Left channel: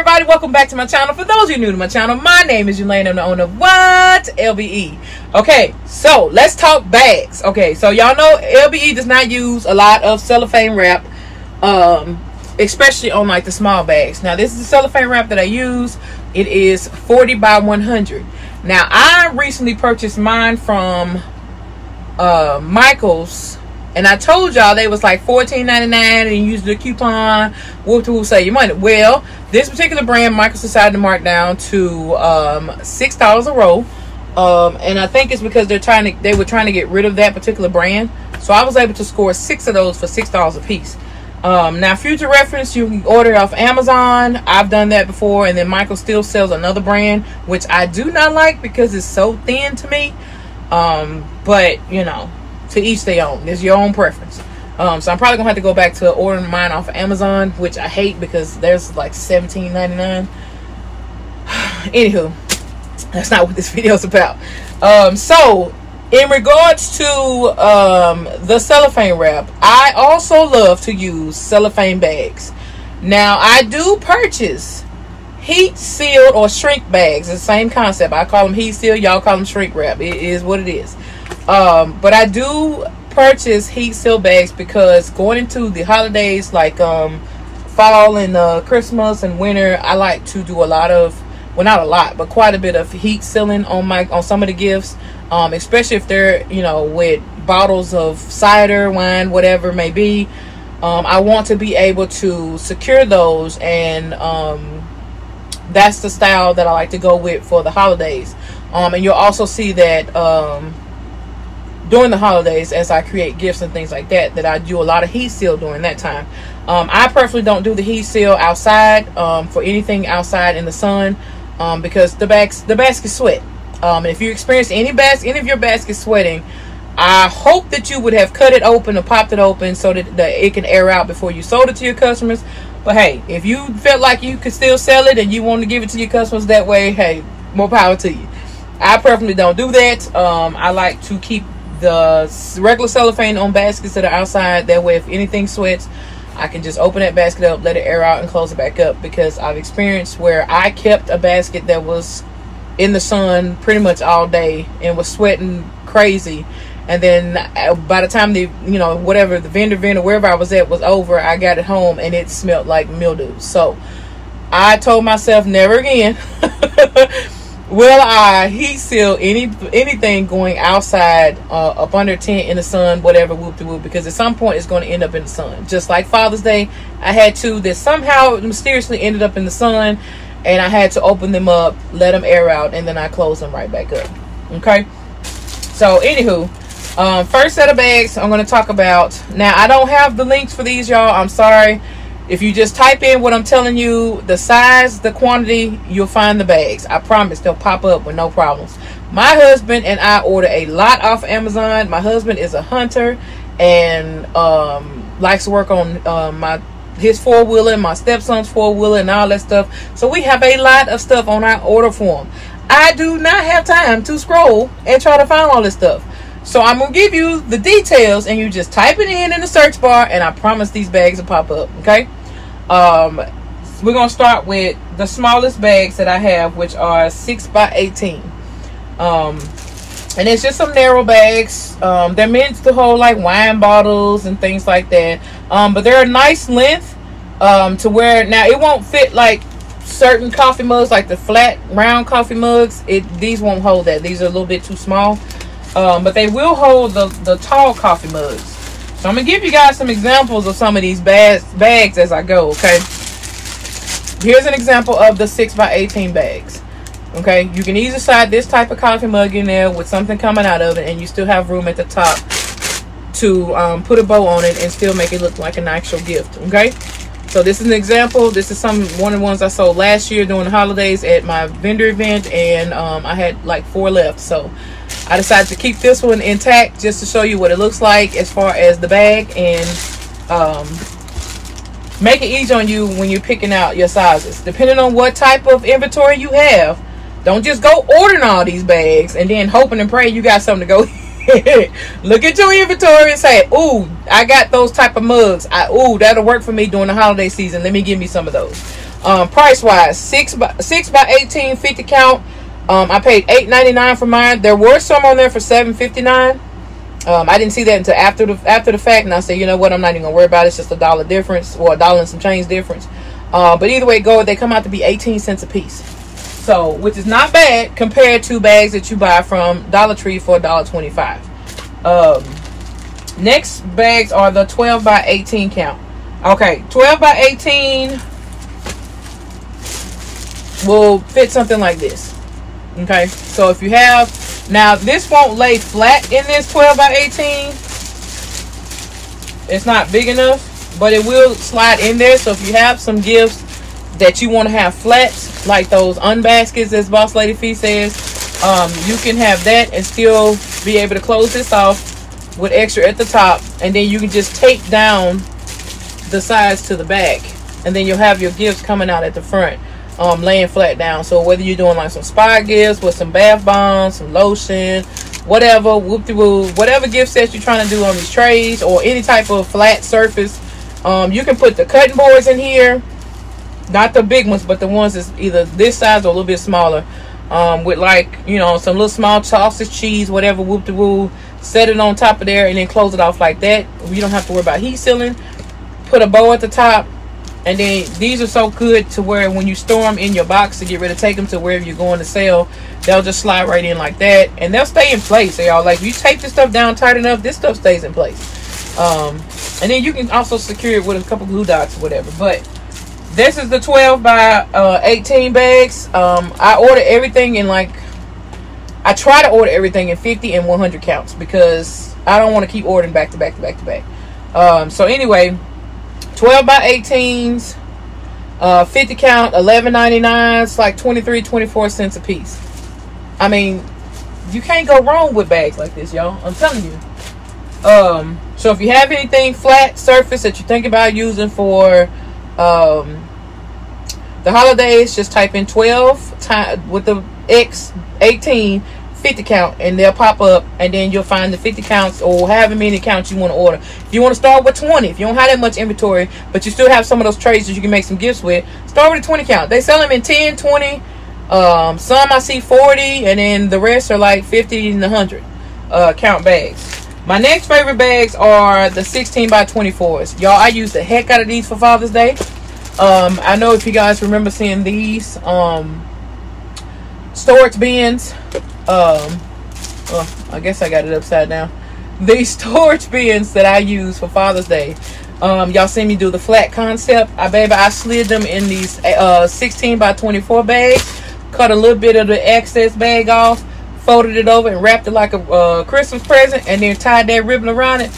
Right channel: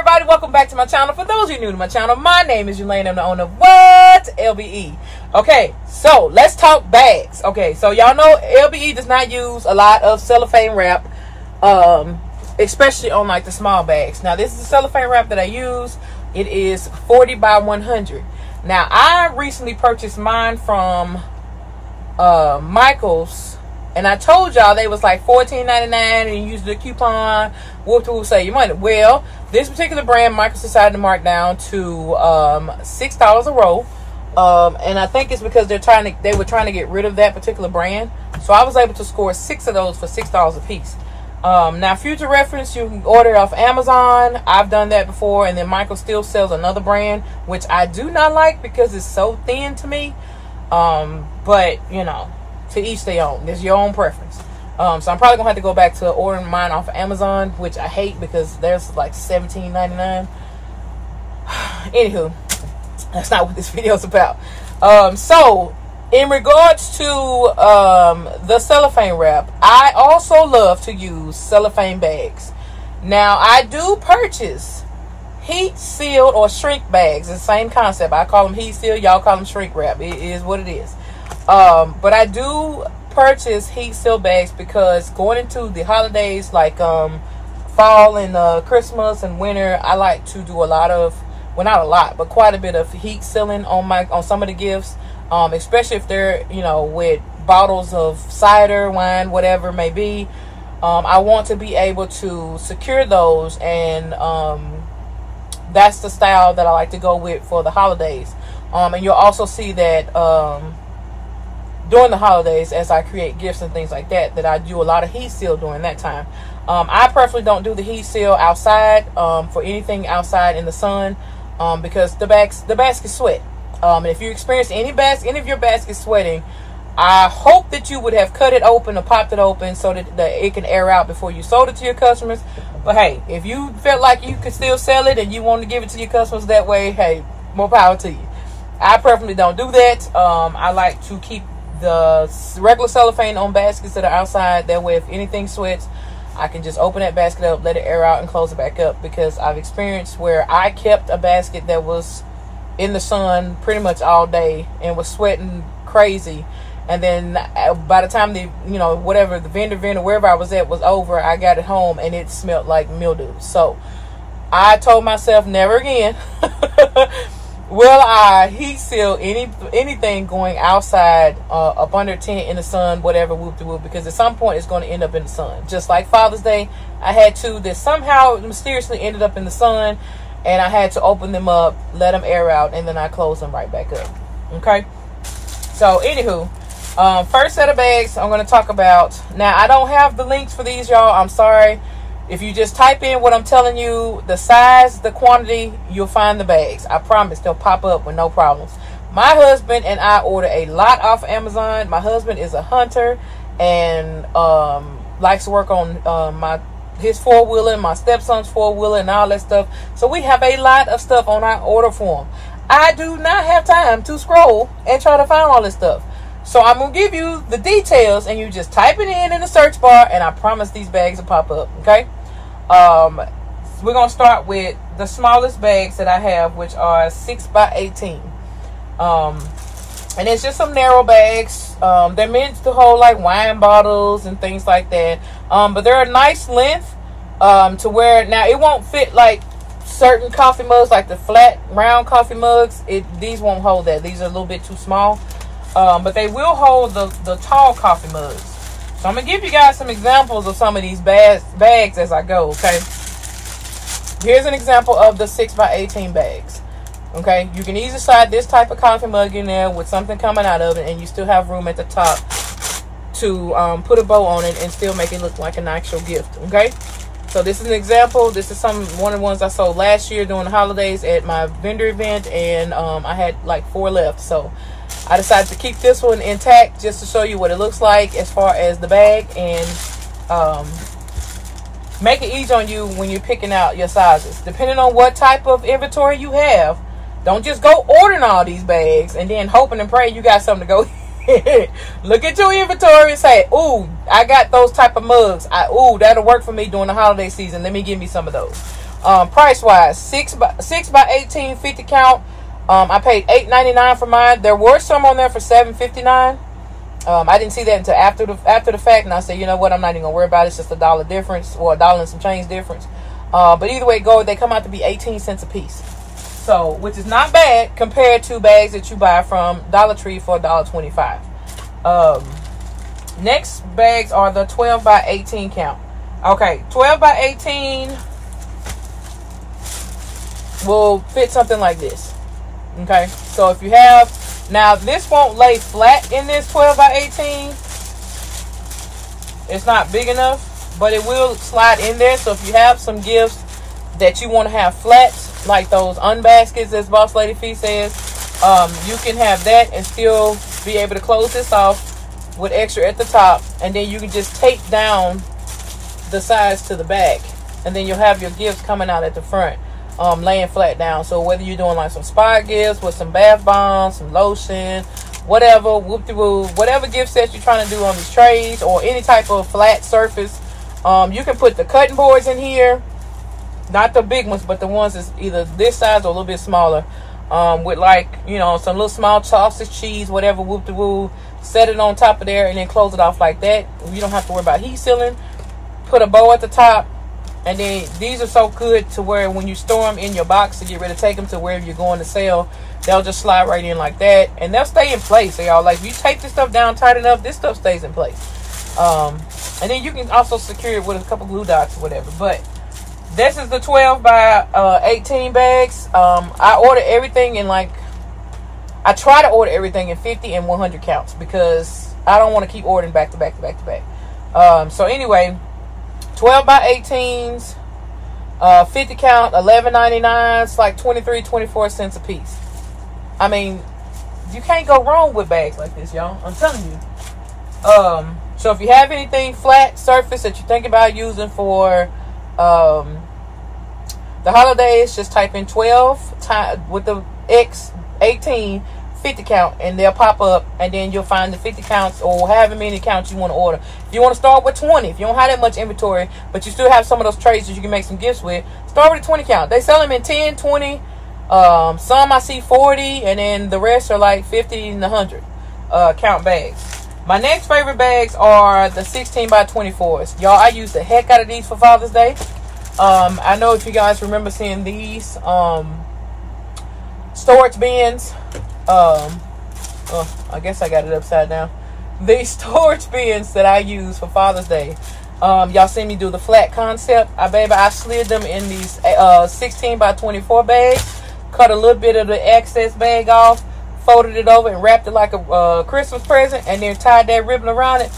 everybody, welcome back to my channel. For those of you new to my channel, my name is Elaine. I'm the owner of what? LBE. Okay, so let's talk bags. Okay, so y'all know LBE does not use a lot of cellophane wrap, especially on like the small bags. Now this is the cellophane wrap that I use. It is 40 by 100. Now I recently purchased mine from Michael's, and I told y'all they was like $14.99 and you use the coupon, whoop to save your money. Well, this particular brand Michael's decided to mark down to $6 a roll, and I think it's because they were trying to get rid of that particular brand. So I was able to score 6 of those for $6 a piece. Now, future reference, you can order off Amazon. I've done that before, and then Michael still sells another brand, which I do not like because it's so thin to me. But you know, to each their own. There's your own preference. So I'm probably gonna have to go back to ordering mine off of Amazon, which I hate because there's like $17.99. Anywho, that's not what this video is about. So in regards to the cellophane wrap, I also love to use cellophane bags. Now I do purchase heat sealed or shrink bags. It's the same concept. I call them heat sealed, y'all call them shrink wrap. It is what it is. But I do purchase heat sealed bags because going into the holidays like fall and Christmas and winter, I like to do a lot of, well, not a lot, but quite a bit of heat sealing on some of the gifts, especially if they're, you know, with bottles of cider, wine, whatever it may be. I want to be able to secure those, and that's the style that I like to go with for the holidays. And you'll also see that during the holidays, as I create gifts and things like that, that I do a lot of heat seal during that time. I personally don't do the heat seal outside for anything outside in the sun, because the baskets sweat. And if you experience any of your baskets sweating, I hope that you would have cut it open or popped it open so that it can air out before you sold it to your customers. But hey, if you felt like you could still sell it and you want to give it to your customers that way, hey, more power to you. I personally don't do that. I like to keep the regular cellophane on baskets that are outside. That way, if anything sweats, I can just open that basket up, let it air out, and close it back up. Because I've experienced where I kept a basket that was in the sun pretty much all day and was sweating crazy, and then by the time the whatever the vendor wherever I was at was over, I got it home and it smelled like mildew. So I told myself, never again will I heat seal anything going outside up under a tent in the sun, whatever, whoop de whoop, because at some point it's going to end up in the sun. Just like Father's Day, I had two that somehow mysteriously ended up in the sun, and I had to open them up, let them air out, and then I closed them right back up. Okay, so anywho, first set of bags I'm going to talk about. Now I don't have the links for these, y'all. I'm sorry. If you just type in what I'm telling you, the size, the quantity, you'll find the bags. I promise they'll pop up with no problems. My husband and I order a lot off Amazon. My husband is a hunter and likes to work on his four-wheeler, my stepson's four-wheeler, and all that stuff. So we have a lot of stuff on our order form. I do not have time to scroll and try to find all this stuff. So I'm going to give you the details, and you just type it in the search bar, and I promise these bags will pop up, okay? We're going to start with the smallest bags that I have, which are 6 by 18. And it's just some narrow bags. They're meant to hold like wine bottles and things like that. But they're a nice length to where, now it won't fit like certain coffee mugs, like the flat round coffee mugs. These won't hold that. These are a little bit too small. But they will hold the tall coffee mugs. So I'm going to give you guys some examples of some of these bags as I go, okay? Here's an example of the 6 by 18 bags, okay? You can easily slide this type of coffee mug in there with something coming out of it, and you still have room at the top to put a bow on it and still make it look like an actual gift, okay? So this is an example. This is one of the ones I sold last year during the holidays at my vendor event, and I had like 4 left. So I decided to keep this one intact just to show you what it looks like as far as the bag, and make it easy on you when you're picking out your sizes. Depending on what type of inventory you have, don't just go ordering all these bags and then hoping and praying you got something to go look at your inventory and say, ooh, I got those type of mugs. Ooh, that'll work for me during the holiday season. Let me give me some of those. Price wise, 6 by 18 50 count. I paid $8.99 for mine. There were some on there for $7.59. I didn't see that until after the fact, and I said, you know what, I'm not even gonna worry about it. It's just $1 difference, or $1 and some change difference. But either way it goes, they come out to be 18 cents a piece. So, which is not bad compared to bags that you buy from Dollar Tree for $1.25. Next bags are the 12 by 18 count. Okay, 12 by 18 will fit something like this. Okay, so if you have, now this won't lay flat in this 12 by 18. It's not big enough, but it will slide in there. So if you have some gifts that you want to have flats, like those unbaskets, as Boss Lady Fee says, you can have that and still be able to close this off with extra at the top, and then you can just tape down the sides to the back, and then you'll have your gifts coming out at the front, laying flat down. So whether you're doing like some spa gifts with some bath bombs, some lotion, whatever, whoop-de-woo, whatever gift sets you're trying to do on these trays, or any type of flat surface, you can put the cutting boards in here, not the big ones, but the ones that's either this size or a little bit smaller, with, like, you know, some little small sausage, cheese, whatever, whoop-de-woo. Set it on top of there and then close it off like that. You don't have to worry about heat sealing. Put a bow at the top, and then these are so good to where when you store them in your box to get ready to take them to wherever you're going to sell, they'll just slide right in like that, and they'll stay in place. So y'all, like, if you tape this stuff down tight enough, this stuff stays in place. And then you can also secure it with a couple glue dots or whatever. But this is the 12 by 18 bags. I ordered everything in, like, I try to order everything in 50 and 100 counts because I don't want to keep ordering back to back to back to back. So anyway, 12 by 18s, 50 count, $11.99. It's like 24 cents a piece. I mean, you can't go wrong with bags like this, y'all. I'm telling you. So if you have anything flat surface that you think about using for the holidays, just type in 12 with the X 18 50 count, and they'll pop up, and then you'll find the 50 counts or however many counts you want to order. If you want to start with 20, if you don't have that much inventory but you still have some of those trays that you can make some gifts with, start with a 20 count. They sell them in 10, 20, some I see 40, and then the rest are like 50 and 100 count bags. My next favorite bags are the 16 by 24s. Y'all, I use the heck out of these for Father's Day. I know if you guys remember seeing these storage bins, I guess I got it upside down. These storage bins that I use for Father's Day, y'all see me do the flat concept. I slid them in these 16 by 24 bags, cut a little bit of the excess bag off, folded it over and wrapped it like a Christmas present, and then tied that ribbon around it.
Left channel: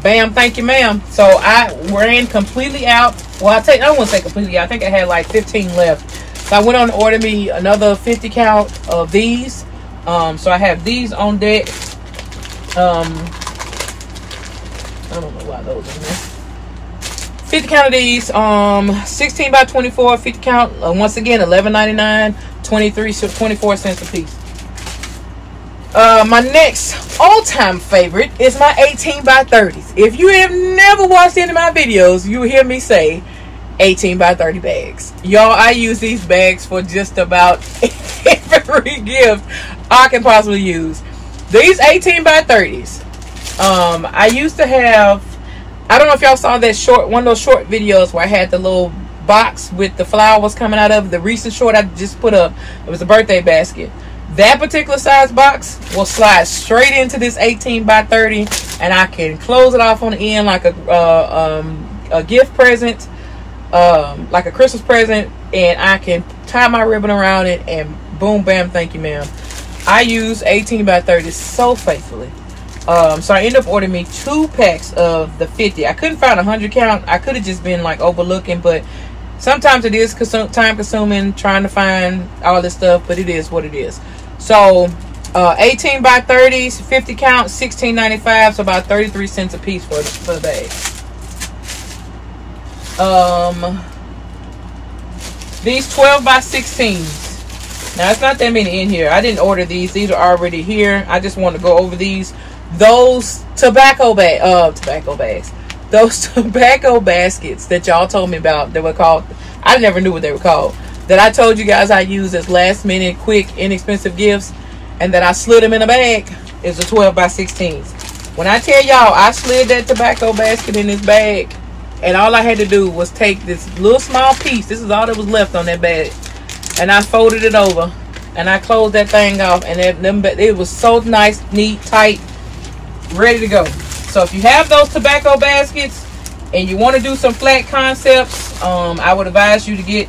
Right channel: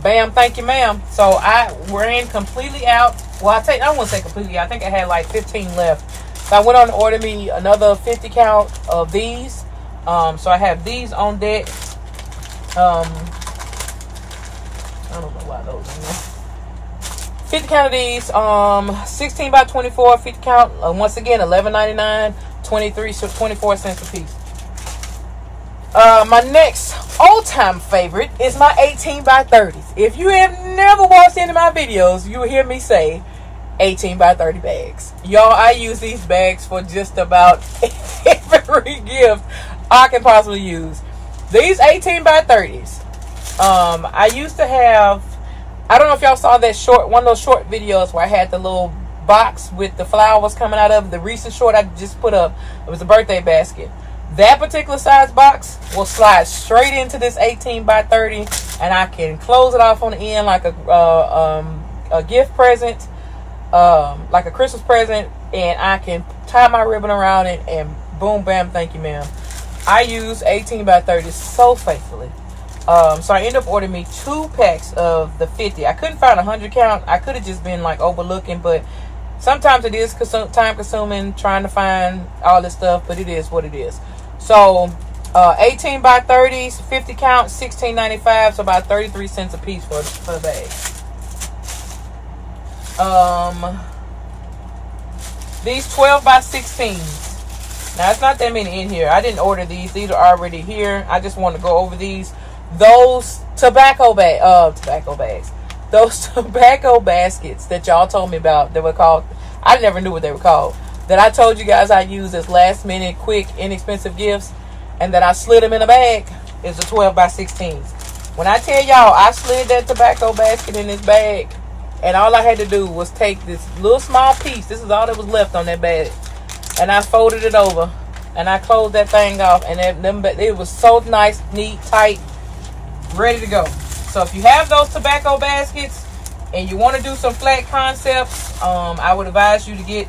Bam, thank you, ma'am. So I ran completely out. Well, I won't say completely out. I think I had like 15 left. So I went on to order me another 50 count of these. So I have these on deck. I don't know why those are in there. 50 count of these. 16 by 24, 50 count. Once again, $11.99, 24 cents a piece. My next all-time favorite is my 18 by 30s. If you have never watched any of my videos, you'll hear me say 18 by 30 bags. Y'all, I use these bags for just about every gift I can possibly use. These 18 by 30s, I used to have, I don't know if y'all saw that one of those short videos where I had the little box with the flowers coming out of the recent short I just put up. It was a birthday basket. That particular size box will slide straight into this 18 by 30, and I can close it off on the end like a gift present, like a Christmas present, and I can tie my ribbon around it, and boom, bam, thank you, ma'am. I use 18 by 30 so faithfully. So I ended up ordering me 2 packs of the 50. I couldn't find a 100 count. I could have just been like overlooking, but sometimes it is time consuming trying to find all this stuff, but it is what it is. So 18 by 30s, 50 count, $16.95, so about 33 cents a piece for the bag. These 12 by 16s. Now, it's not that many in here. I didn't order these. These are already here. I just want to go over these. Those tobacco bags. those tobacco baskets that y'all told me about, that were called, I never knew what they were called, that I told you guys I used as last minute, quick, inexpensive gifts, and that I slid them in a bag, is a 12 by 16s. When I tell y'all I slid that tobacco basket in this bag, and all I had to do was take this little small piece, this is all that was left on that bag, and I folded it over, and I closed that thing off, and it was so nice, neat, tight, ready to go. So if you have those tobacco baskets and you want to do some flat concepts, I would advise you to get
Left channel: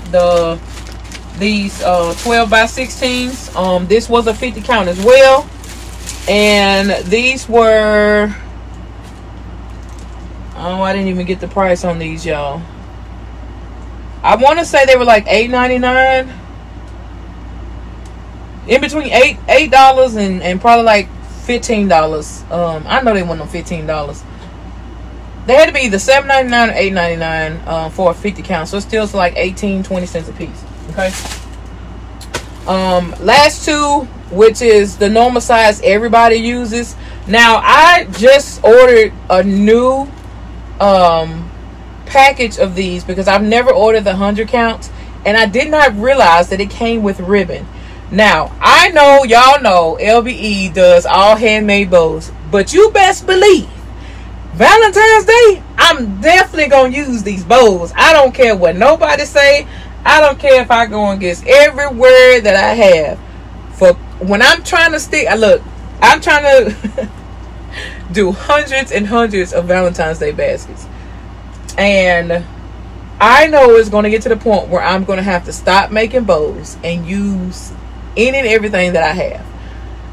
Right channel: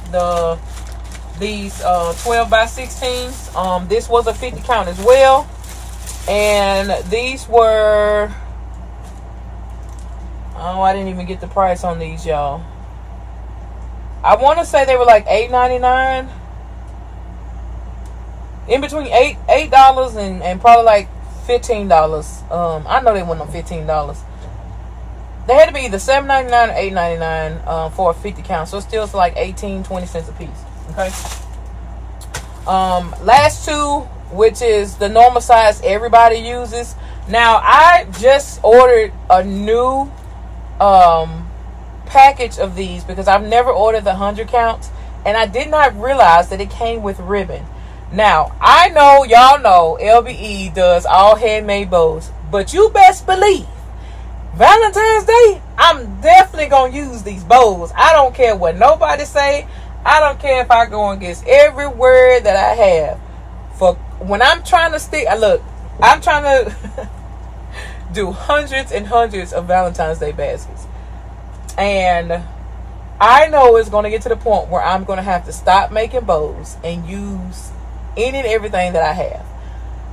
these 12 by 16s. This was a 50 count as well, and these were, oh, I didn't even get the price on these, y'all. I want to say they were like $8.99, in between $8 and probably like $15. I know they weren't on $15. They had to be either $7.99 or $8.99 for a 50 count. So it's still like 18-20 cents a piece. Okay. Last two, which is the normal size everybody uses. Now I just ordered a new package of these because I've never ordered the 100 counts, and I did not realize that it came with ribbon. Now, I know y'all know LBE does all handmade bows, but you best believe Valentine's Day, I'm definitely going to use these bows. I don't care what nobody say. I don't care if I go against every word that I have. For when I'm trying to stick, look, I'm trying to do hundreds and hundreds of Valentine's Day baskets. And I know it's going to get to the point where I'm going to have to stop making bows and use any and everything that I have.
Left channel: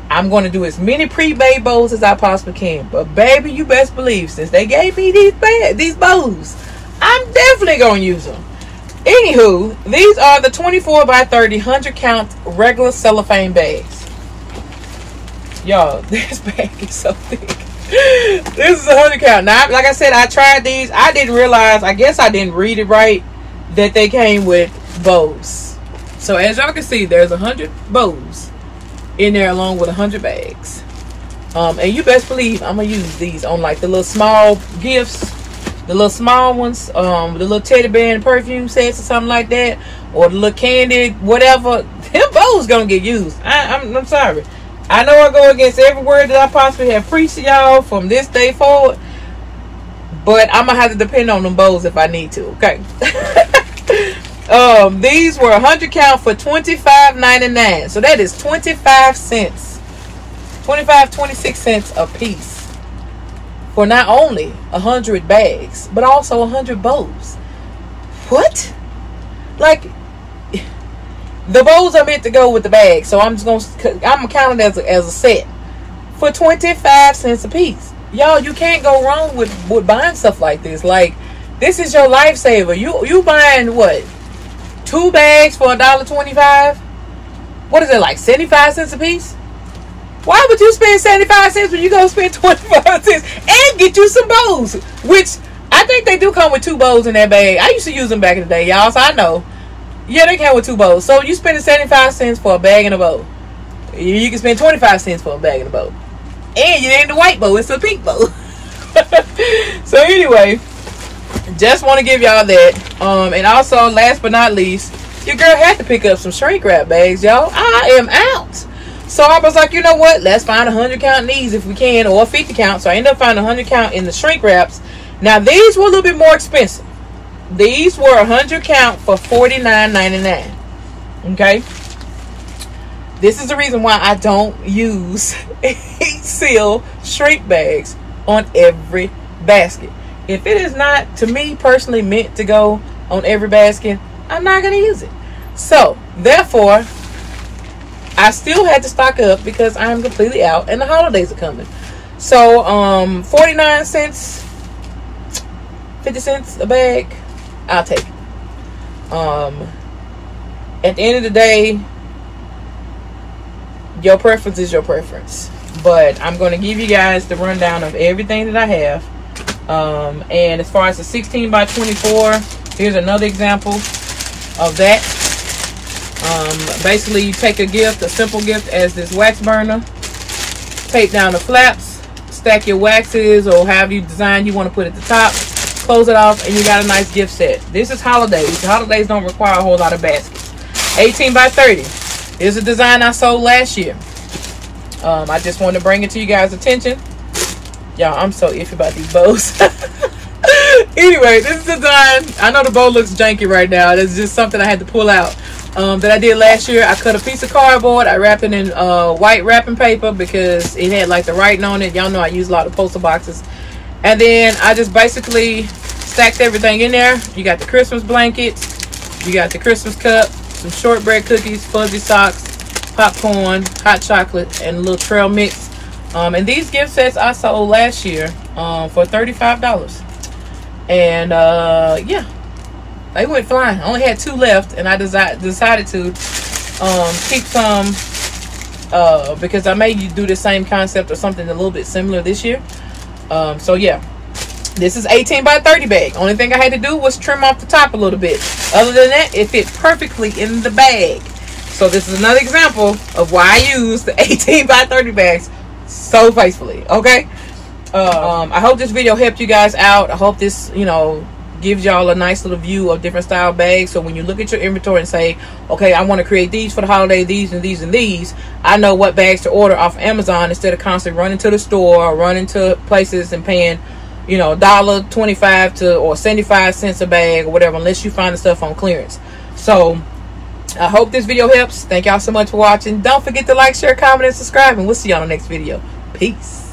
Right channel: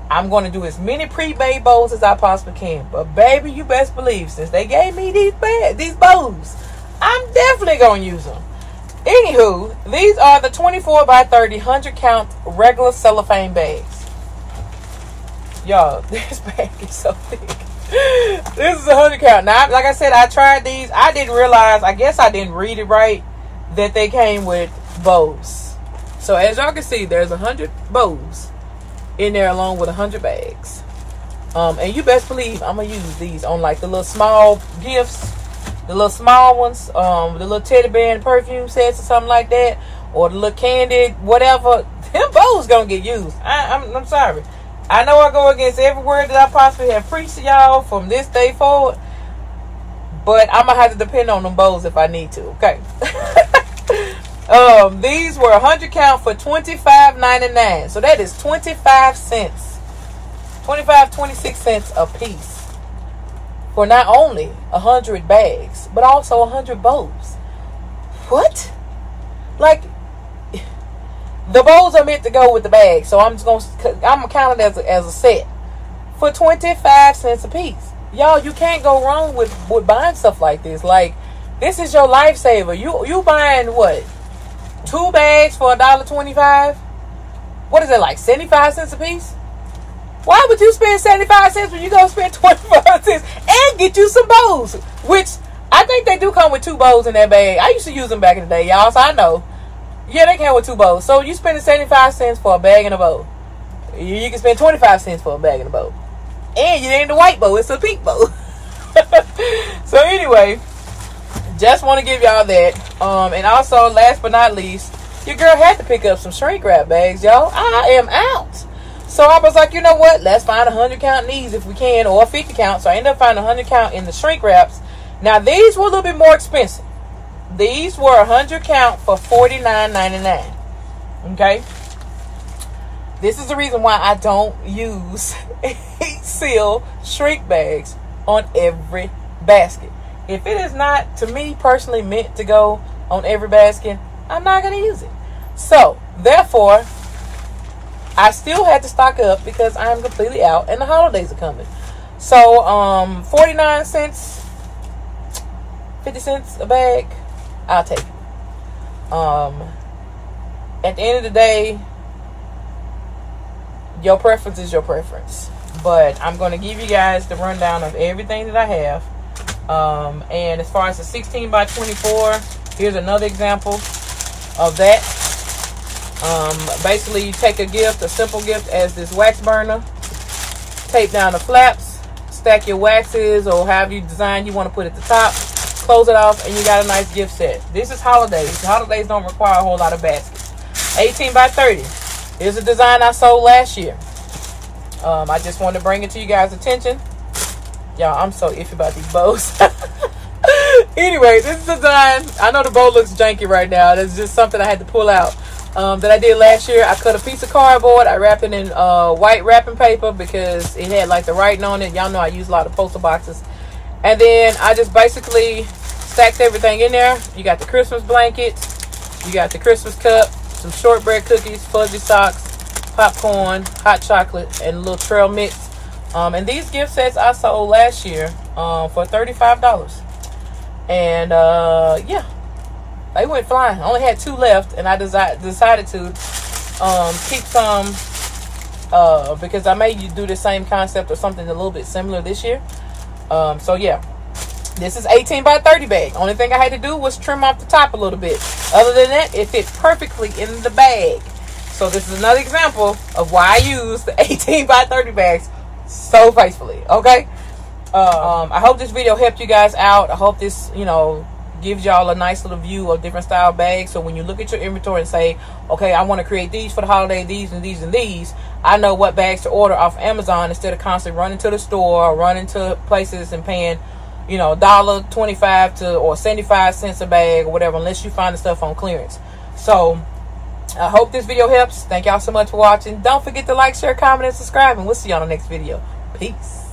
I'm going to do as many pre-made bows as I possibly can. But baby, you best believe, since they gave me these bows, I'm definitely going to use them. Anywho, these are the 24 by 30 100 count regular cellophane bags. Y'all, this bag is so thick. This is a 100 count. Now, like I said, I tried these. I didn't realize, I guess I didn't read it right, that they came with bows. So as y'all can see, there's 100 bows in there along with 100 bags. And you best believe I'm gonna use these on like the little small gifts, the little small ones, the little teddy bear and perfume sets or something like that, or the little candy, whatever. Them bows gonna get used. I'm sorry. I know I go against every word that I possibly have preached to y'all from this day forward, but I'm gonna have to depend on them bows if I need to. Okay. These were 100 count for $25.99. So that is 25 cents. 26 cents a piece. For not only 100 bags, but also 100 bows. What? Like, the bows are meant to go with the bag. So I'm gonna count it as a set. For 25 cents a piece. Y'all, you can't go wrong with buying stuff like this. Like, this is your lifesaver. You buying what? 2 bags for $1.25? What is it, like 75 cents a piece? Why would you spend 75 cents when you go spend 25 cents and get you some bows? Which I think they do come with 2 bows in that bag. I used to use them back in the day, y'all, so I know. Yeah, they come with 2 bows. So you spending 75 cents for a bag and a bow. You can spend 25 cents for a bag and a bow. And you ain't the white bow, it's a pink bow. So anyway, just want to give y'all that. And also, last but not least, your girl had to pick up some shrink wrap bags, y'all. I am out. So I was like, you know what? Let's find a 100 count in these if we can, or a 50 count. So I ended up finding a 100 count in the shrink wraps. Now, these were a little bit more expensive. These were 100 count for $49.99. Okay? This is the reason why I don't use seal shrink bags on every basket. If it is not, to me personally, meant to go on every basket, I'm not going to use it. So, therefore, I still had to stock up because I'm completely out and the holidays are coming. So, 49 cents, 50 cents a bag, I'll take it. At the end of the day, your preference is your preference. But I'm going to give you guys the rundown of everything that I have. And as far as the 16 by 24, here's another example of that. Basically, you take a gift, a simple gift as this wax burner, tape down the flaps, stack your waxes or however you design you want to put at the top, close it off, and you got a nice gift set. This is holidays. Holidays don't require a whole lot of baskets. 18 by 30. Here's a design I sold last year. I just wanted to bring it to you guys' attention. Y'all, I'm so iffy about these bows. Anyway, this is a design. I know the bow looks janky right now. It's just something I had to pull out. That I did last year. I cut a piece of cardboard. I wrapped it in white wrapping paper because it had like the writing on it. Y'all know I use a lot of poster boxes. And then I just basically stacked everything in there. You got the Christmas blankets. You got the Christmas cup. Some shortbread cookies, fuzzy socks, popcorn, hot chocolate, and a little trail mix. And these gift sets I sold last year for $35. And yeah, they went flying. I only had 2 left, and I decided to keep some because I may do the same concept or something a little bit similar this year. So yeah, this is 18 by 30 bag. Only thing I had to do was trim off the top a little bit. Other than that, it fit perfectly in the bag. So this is another example of why I use the 18 by 30 bags so faithfully. Okay. I hope this video helped you guys out. I hope this, you know, gives y'all a nice little view of different style bags. So when you look at your inventory and say, okay, I want to create these for the holiday, these and these and these, I know what bags to order off Amazon instead of constantly running to the store or running to places and paying, you know, $1.25 or 75 cents a bag or whatever, unless you find the stuff on clearance. So I hope this video helps. Thank y'all so much for watching. Don't forget to like, share, comment, and subscribe, and we'll see y'all on the next video. Peace.